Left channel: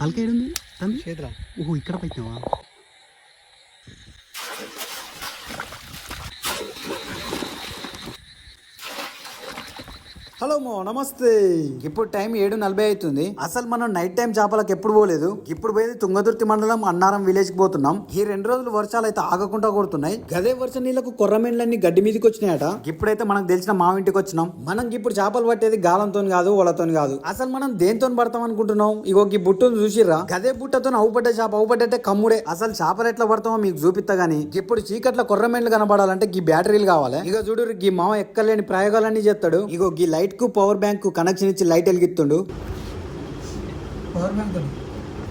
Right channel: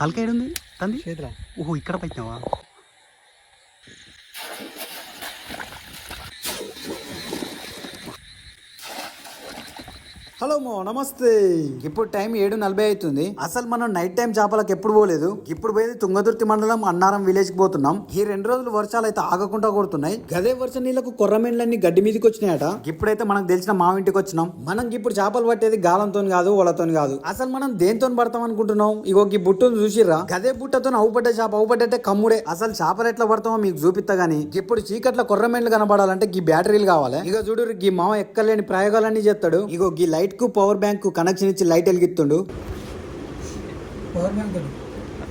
తలకాయ ఉంది తంది ఓహో ఇక్కడ పెట్టినావా? హలో నమస్తే. ఇప్పుడు టైం ఏడు నలభై అవుతుంది. అసలు మనం నైట్ టైం చేపలకు ఎప్పుడు పోలేదు? ఇప్పుడు పోయేది తుంగదుర్తి మండలం అన్నారం విలేజ్కి పోతున్నాం. ఈ రెండు రోజులు వర్షాలు అయితే ఆగకుండా కొడుతున్నాయి. గదే వర్ష నీళ్ళకు కొర్రమెండ్లన్నీ గడ్డి మీదకి వచ్చినాయట? ఇప్పుడైతే మనకు తెలిసిన మా ఇంటికి వచ్చినాం. మనం ఇప్పుడు చేపలు పట్టేది గాలంతో కాదు వాళ్ళతో కాదు. అసలు మనం దేంతో పడతాం అనుకుంటున్నాం? ఇగో ఈ బుట్టును చూసిర్రా? గదే బుట్టతో అవుపడ్డ చేప అవుపడ్డట్టే కమ్ముడే. అసలు చేపలు ఎట్లా పడతామో మీకు చూపిస్తా గానీ ఇప్పుడు చీకట్ల కొర్రమెండ్లు కనబడాలంటే ఈ బ్యాటరీలు కావాలి. ఇక చూడు ఈ మామ ఎక్కలేని ప్రయోగాలన్నీ చేస్తాడు. ఇగో ఈ లైట్కు పవర్ బ్యాంక్కు కనెక్షన్ ఇచ్చి లైట్ వెలిగిస్తుండు పవర్ బ్యాంక్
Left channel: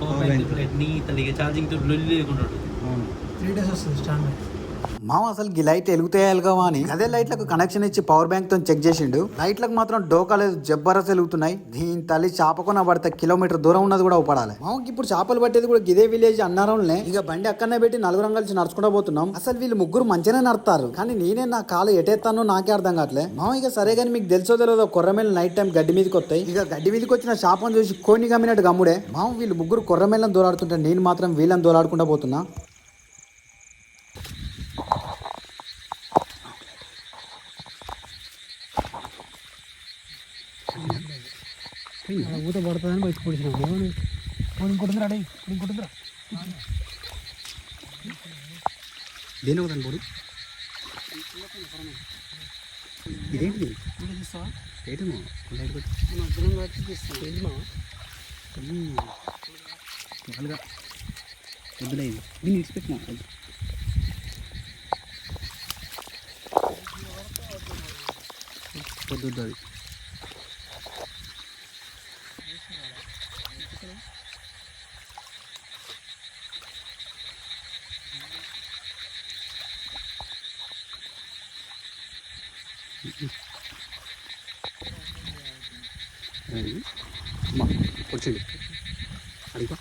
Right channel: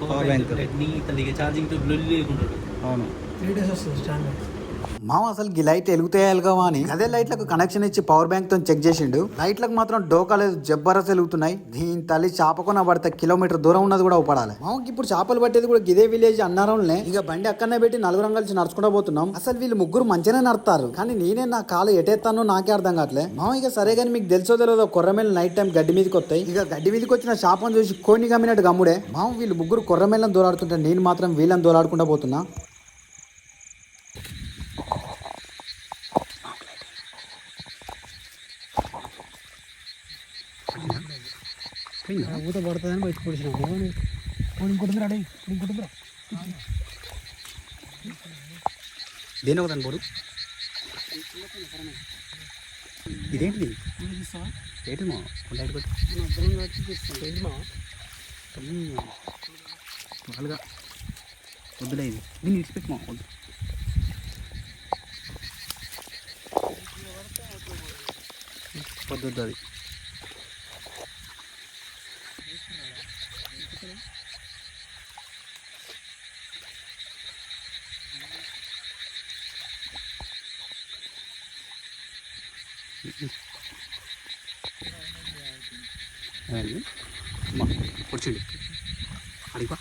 పవర్ బ్యాంక్. నీ తల్లిగా ఛార్జింగ్తో లొల్లి లేకుంటాడు అవును. త్రీ డేస్ వస్తుంది స్టాండ్. మామ అసలు ఈ లైట్ వెలుగుతాయాలిగా అని. అదే లైట్లకు కనెక్షన్ ఇచ్చి పవర్ బ్యాంక్తో చెక్ చేసిండు. లైట్లకు మాత్రం డోకా జబ్బరస్ వెలుగుతున్నాయి. దీని తల్లి చేపకొన పడితే కిలోమీటర్ దూరం ఉన్నది కూడా ఉపడాలి మామకి ఇప్పుడు చేపలు పట్టేది కూడా గిదే విలేజ్ అన్నారంలే ఇక బండి అక్కడనే పెట్టి నలుగురం కలిసి నడుచుకుంటూ పోతున్నాం. అసలు వీళ్ళు ముగ్గురు మంచిగానే నడతారు కానీ నేనే నా కాలు ఎటేస్తానో నాకే అర్థం కావట్లే. మామ ఇక సరే కానీ మీకు తెలుసో తెలియదో కొర్రమేలు నైట్ టైం గడ్డి మీదకి వస్తాయి. ఇక గడ్డి మీదకి వచ్చిన చేపను చూసి కోని గమ్మినట్టు గమ్ముడే. మామ వీళ్ళు ముగ్గురు కొర్రమేళ్ళని దూరాడుతుంటే నేను మాత్రం వీళ్ళని దూరాడుకుంటా పోతున్నా. ఊత పడుతుందని బయట పొడిచినాం. ఇంకోటి అడే ఇంకోటి దేని ఒకదాని పోడు. ఇదేంటిది? ఏంటి మా లైట్ కొట్టి. వద్దులే ఇది. దీన్ని ఇడిచిపెట్టి మా వద్దు వద్దు వద్దు అది. వచ్చిండు అడిగా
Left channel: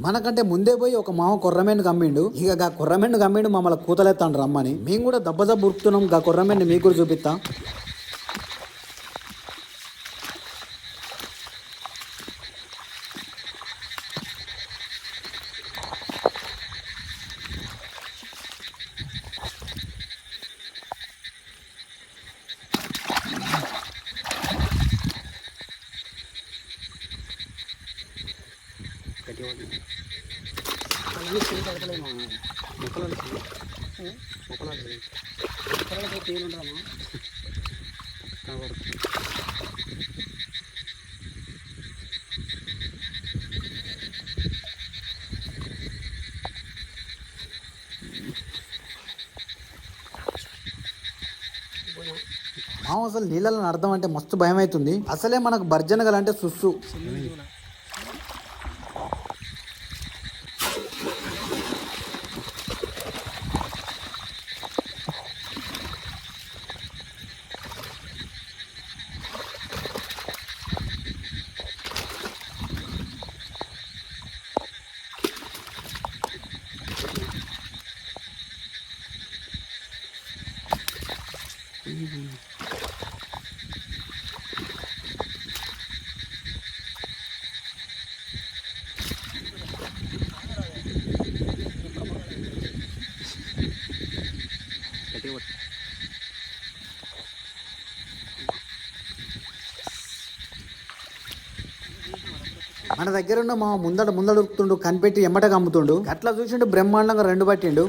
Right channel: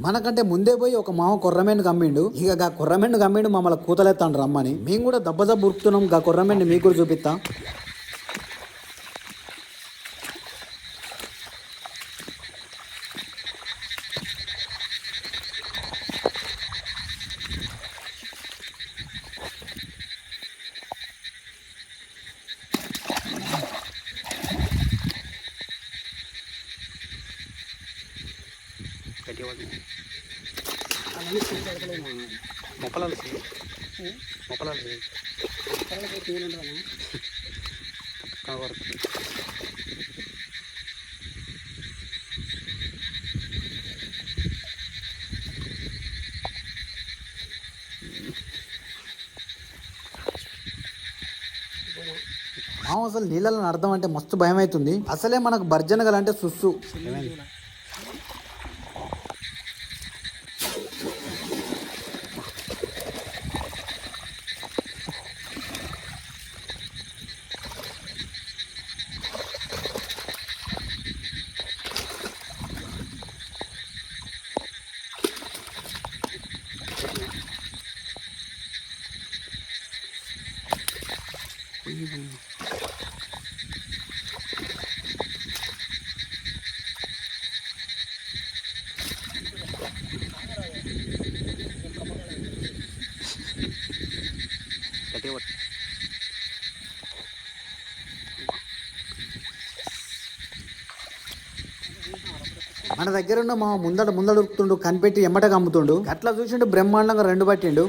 మనకంటే ముందే పోయి ఒక మామ కుర్రమెండు కమ్మిండు. ఇక గా కుర్రమెండు కమ్మిండు మమ్మల్ని కూతలేస్తాను రమ్మని. మేము కూడా దెబ్బ దెబ్బ ఉరుకుతున్నాం. గా కుర్రమెండు మీకు కూడా చూపిస్తాం గట్టిగా పడుతుంది మొక్కలాలు మొక్కలాలు కనబడుతుంది అసలు నీళ్ళలో అర్థం అంటే మస్తు భయం అవుతుంది అసలే మనకు భర్జనగలు అంటే సుస్సు. గట్టిగా పట్టు మన దగ్గర ఉన్న మా ముందట ముందట కనిపెట్టి ఎమ్మటగా అమ్ముతుండు అట్లా చూసిండు బ్రహ్మాండంగా రెండు పట్టిండు.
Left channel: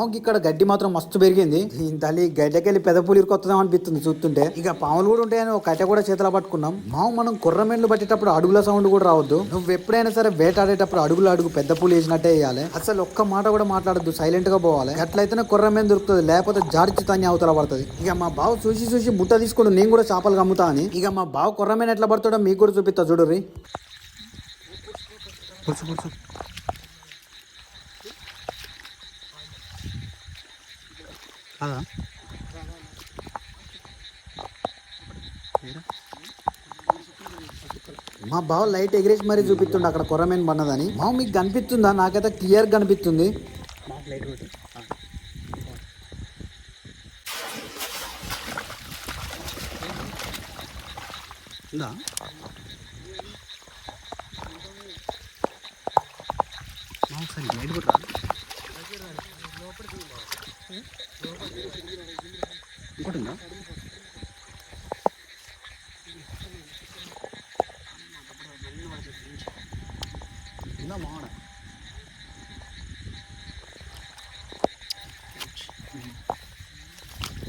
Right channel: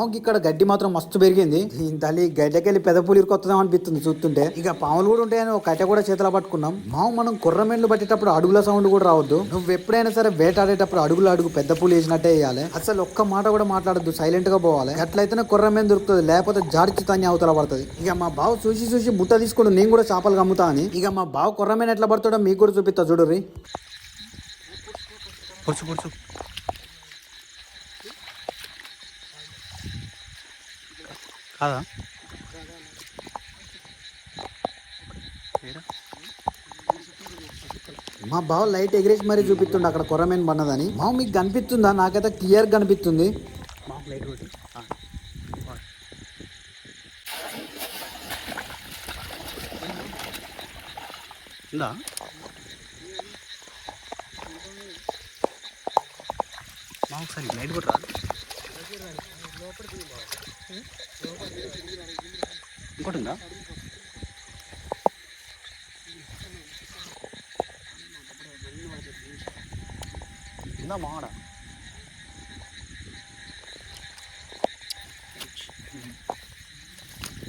పాముకి ఇక్కడ గడ్డి మాత్రం మస్తు పెరిగింది. తల్లి గడ్డకెళ్ళి పెదపూలు ఇరుకొస్తుందాం అనిపిస్తుంది చూస్తుంటే. ఇక పాములు కూడా ఉంటాయని ఒక కట్ట కూడా చేతిలో పట్టుకున్నాం. మామ మనం కుర్రమెండ్లు పట్టేటప్పుడు అడుగుల సౌండ్ కూడా రావద్దు. నువ్వు ఎప్పుడైనా సరే వేటాడేటప్పుడు అడుగులు అడుగు పెద్ద పూలు వేసినట్టే వేయాలి. అసలు ఒక్క మాట కూడా మాట్లాడద్దు సైలెంట్గా పోవాలి. అట్లయితేనే కుర్రమేం దొరుకుతుంది లేకపోతే జార్చి తన్ని అవతల పడుతుంది. ఇక మా బావ చూసి చూసి బుట్ట తీసుకుని నేను కూడా చేపలు కమ్ముతా అని. ఇక మా బావ కుర్రమైన ఎట్లా పడతాడో మీకు కూడా చూపిస్తా చూడరి కాదా? మా బావ లైట్ ఎగిరేసి మరీ చూపిస్తుండే అక్కడ కొరమేన్ పన్నదని మా మీకు కనిపిస్తుందా? నాకైతే క్లియర్ కనిపిస్తుంది. ఉందా? మా ఒకసారి లైట్ కొట్టరా? ఇంకోటి ఉందా ఉందా మాడ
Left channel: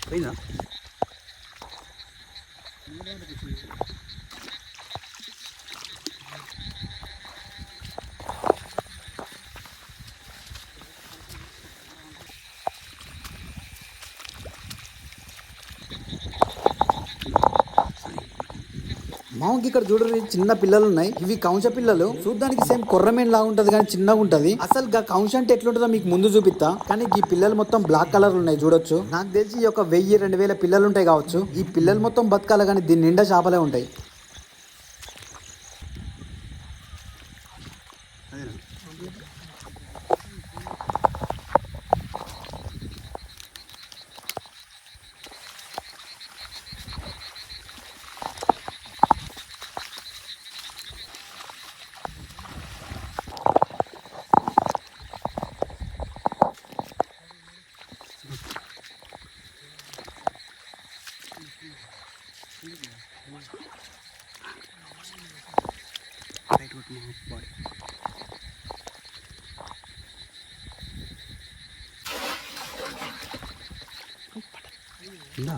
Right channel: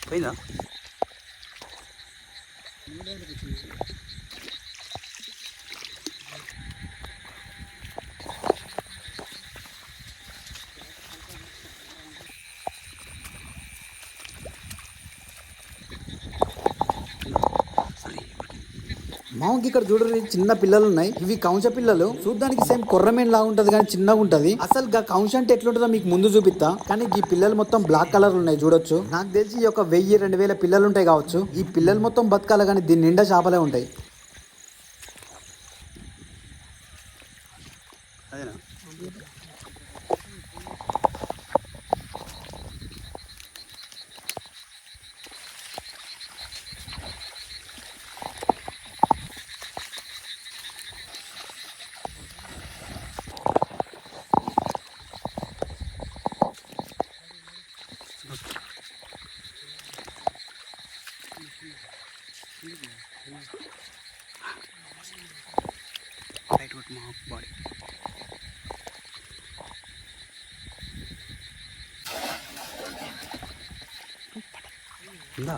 పోయిందా మామకి ఇక్కడ చూడరు చిన్న పిల్లలు ఉన్నాయి. ఇవి కౌంచ పిల్లలు. చూడడానికి సేమ్ కొర్రమేన్ లాగా ఉంటది కానీ చిన్నగా ఉంటది. అసలు గా కౌంచ అంటే ఎట్లుంటుందో మీకు ముందు చూపిస్తా. కానీ ఈ పిల్లలు మొత్తం బ్లాక్ కలర్ ఉన్నాయి చూడొచ్చు. నాకు తెలిసి ఈ ఒక వెయ్యి రెండు వేల పిల్లలు ఉంటాయి కావచ్చు. ఈ పిల్లలు మొత్తం బతకాలి కానీ దీని నిండా చేపలే ఉంటాయి. లైట్ కొట్టు మా బాడీ ఉందా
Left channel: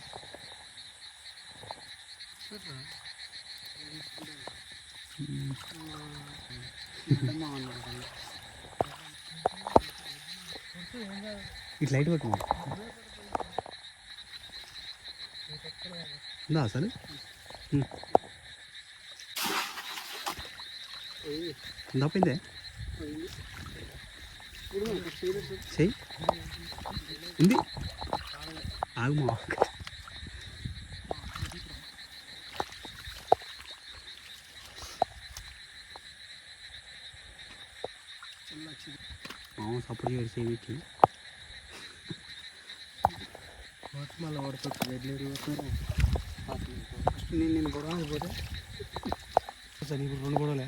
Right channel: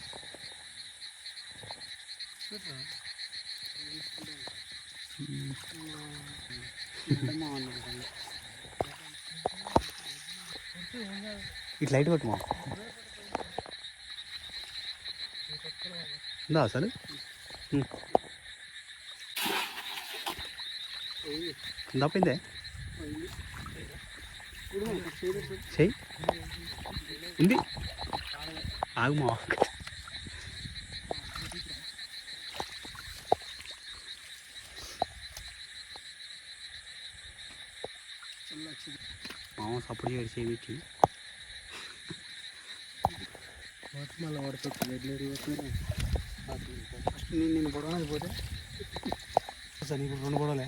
ఇట్లా లైట్ కొట్టు ఉందా అసలు? ఉం. ఉందా పోయిందే? చెయ్యి. ఉంది? ఆగుమా సపోర్ట్ చేయడు చేయి పెట్టి మళ్ళీ పడుతుంది వెళ్ళేరు ఫస్ట్ నేను నేను పొడవడానికి పోతే రెండు పొడవలే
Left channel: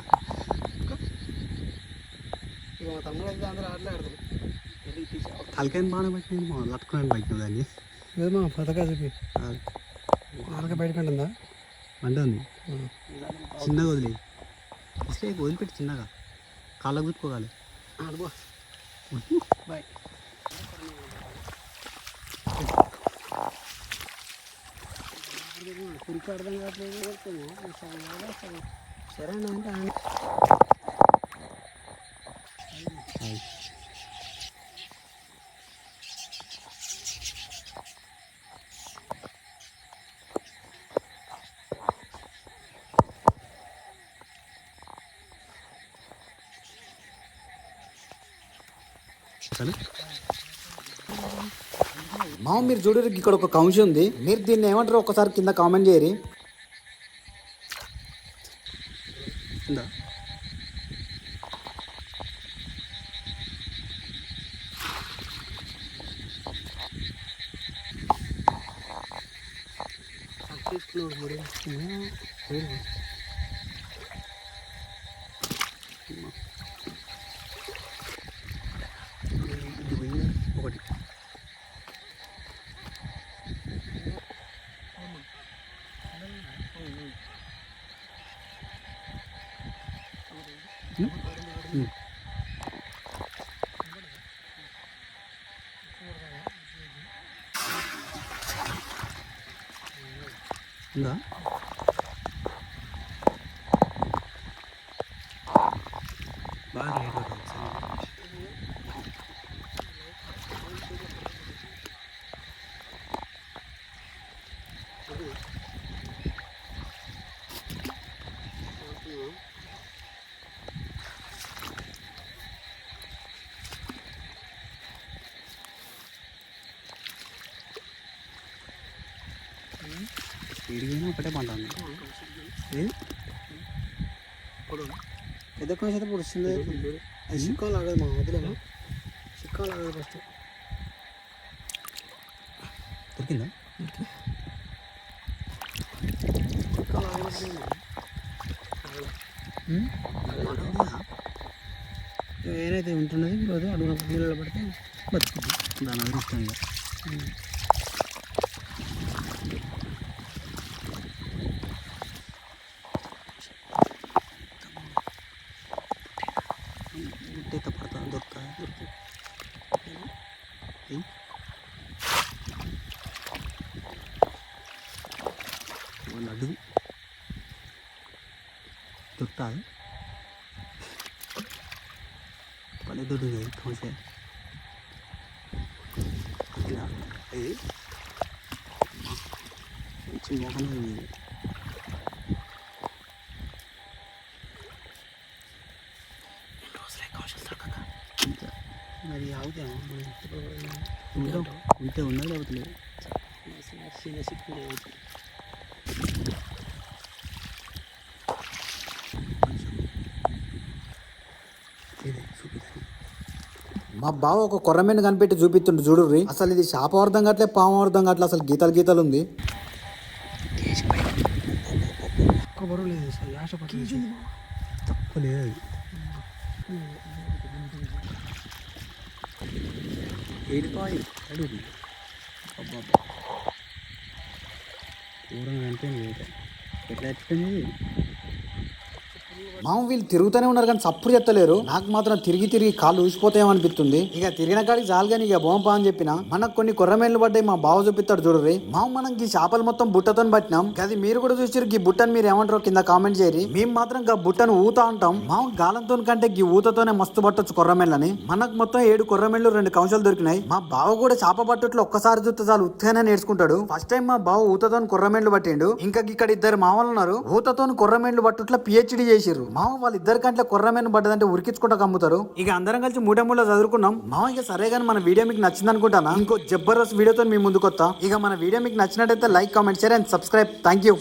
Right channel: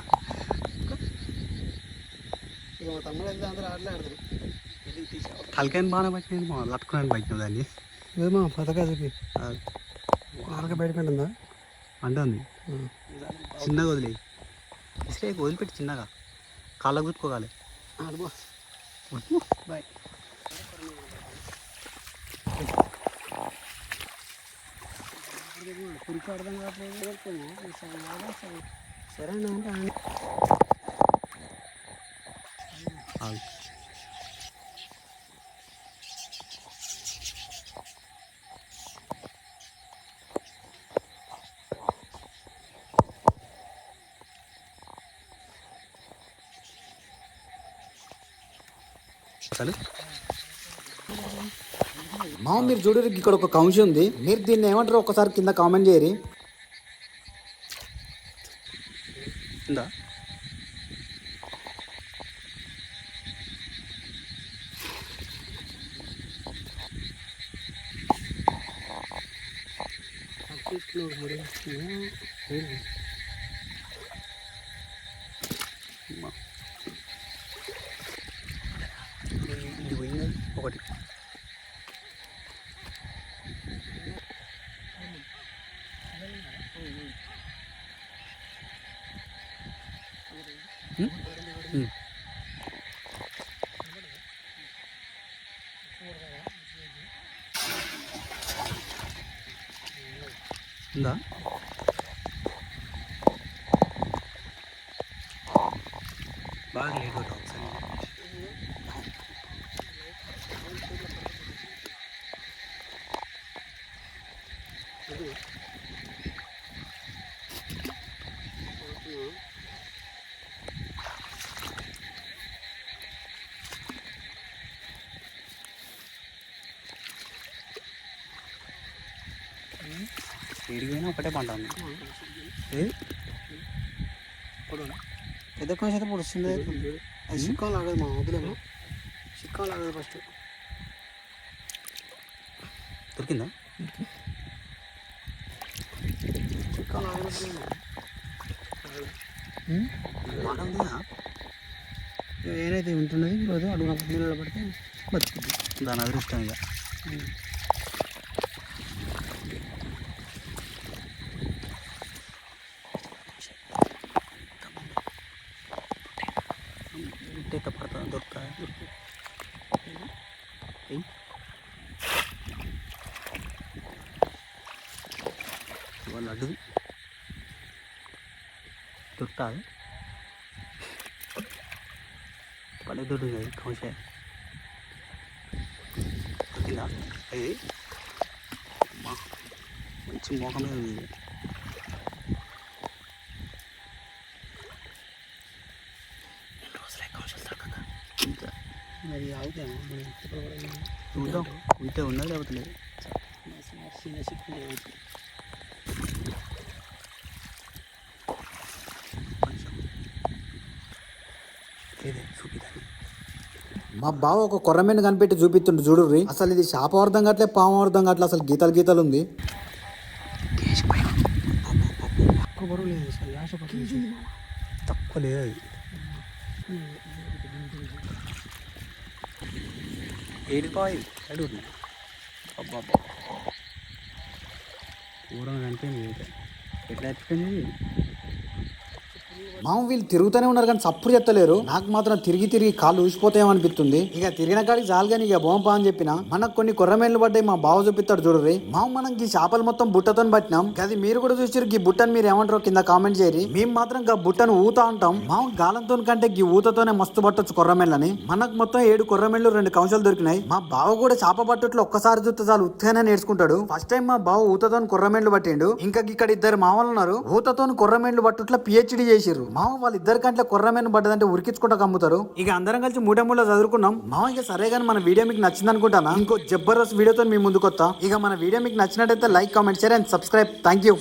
మా తమ్ముడు అయితే అందరూ ఆటలే ఆడతారు. తలకాయని బాగానే పట్టినాను మా లట్టుకున్నాను పట్టినా దాన్ని. ఏమో పథకా చూపి. అది. ఆనక బయట ఉంటుందా అంటుంది చిన్నగా వదిలే. ఇస్తే వదిలిపెట్టి చిన్నగా. కాళ్ళకు గుర్తుకోవాలి బాయ్. అసలు మామ మీరు చూడరు ఇక్కడ ఒక కౌంష ఉంది. మీరు దీన్ని ఏమంటారు? ఒకసారి కింద కామెంట్ చేయరి. ఇది? എന്താ? ബാഗിലേക്ക് ఏడిపోయినా ఒకటే పంట ఉంది. ఏది? పెద్ద పొడుస్తుంది. చిక్కాలు ఆగదు మా వదిలేమో చిక్కాలు ఆగదు ఫస్ట్. దొరికిందా? ఏదైతే ఉంటున్నది ఈరోజు అడుగున నీళ్ళలో పడితే బతుకుద్ది. దాని అదృష్టం ఇక. వాళ్ళ అడుగు దొరుకుతా పల్లె దొడ్డు ఉంది దొరికిందా ఇది అమ్మా, మంచి మోహం మీద ఉంది మరి ఆగుతాము? మనం ఇప్పుడు కూడా ఉంటే ఉన్నది లేకపోతే లేదు చిన్న చిక్కు కొంచెం ఇది చూపిదాన్ని మా బావ ఒక కొర్రమీను కనిపెట్టి చూపిస్తుండు చూడుర్రి అసలు ఇది శాపం అర్థం కావట్లే పాము అర్థం కావట్లే అసలు గీతలు గీతలు ఉంది. తక్కువ లేదు అది ఏడిపాయి అబ్బా దూరం ఎట్లా వచ్చిపోయింది మామ వీళ్ళు తిరుగుతూనే ఉన్నారు కానీ సప్పుడు చెత్తలేరు. నాకు మాత్రం తిరిగి తిరిగి కాళ్ళు ఊసిపోతాయేమనిపిస్తుంది ఇక తిరిగిన కాడికి చాలు కానీ ఇక బోంపా అని చెప్పిన మనకు కొన్ని కొర్రమేళ్ళు పడ్డాయి మా బావ చూపిస్తాడు చూడరి మామ మనం ఈ చేపలు మొత్తం బుట్టతో పట్టినాం. అది మీరు కూడా చూసారు ఈ బుట్టని మీరు ఏమంటారో కింద కామెంట్ చేయరు మేము మాత్రం గా బుట్టను ఊతా ఉంటాం మామ గాలంతో కంటే ఈ ఊతతోనే మస్తు పట్టొచ్చు కొర్రమేళ్ళని. మనకు మొత్తం ఏడు కొర్రమేళ్ళు రెండు కంశాలు దొరికినాయి. మా బావ కూడా చేప పట్టుట్లో ఒక్కసారి చూస్తే చాలు ఉత్తగానే నేర్చుకుంటాడు. ఫస్ట్ టైం మా బావ ఊతతో కొర్రమేళ్ళు పట్టిండు. ఇంకా ఇక్కడ ఇద్దరు మామలు ఉన్నారు. ఊతతో కొర్రమేళ్ళు పట్టుట్లో పిహెచ్డి చేసిరు మామ వాళ్ళిద్దరి కంటే కొర్రమేను పడ్డదంటే ఉరికించుకుంటా కమ్ముతారు? ఇక అందరం కలిసి మూడే మూడు చదువుకున్నాం. మామ ఇక సరే కానీ మన వీడియో మీకు నచ్చింది అనుకుంటానా? ఇంకో జబర్దస్త్ వీడియోతో మీ ముందుకు వస్తా ఇక మన వీడియో మీకు నచ్చినట్టయితే like comment share and subscribe. Thank you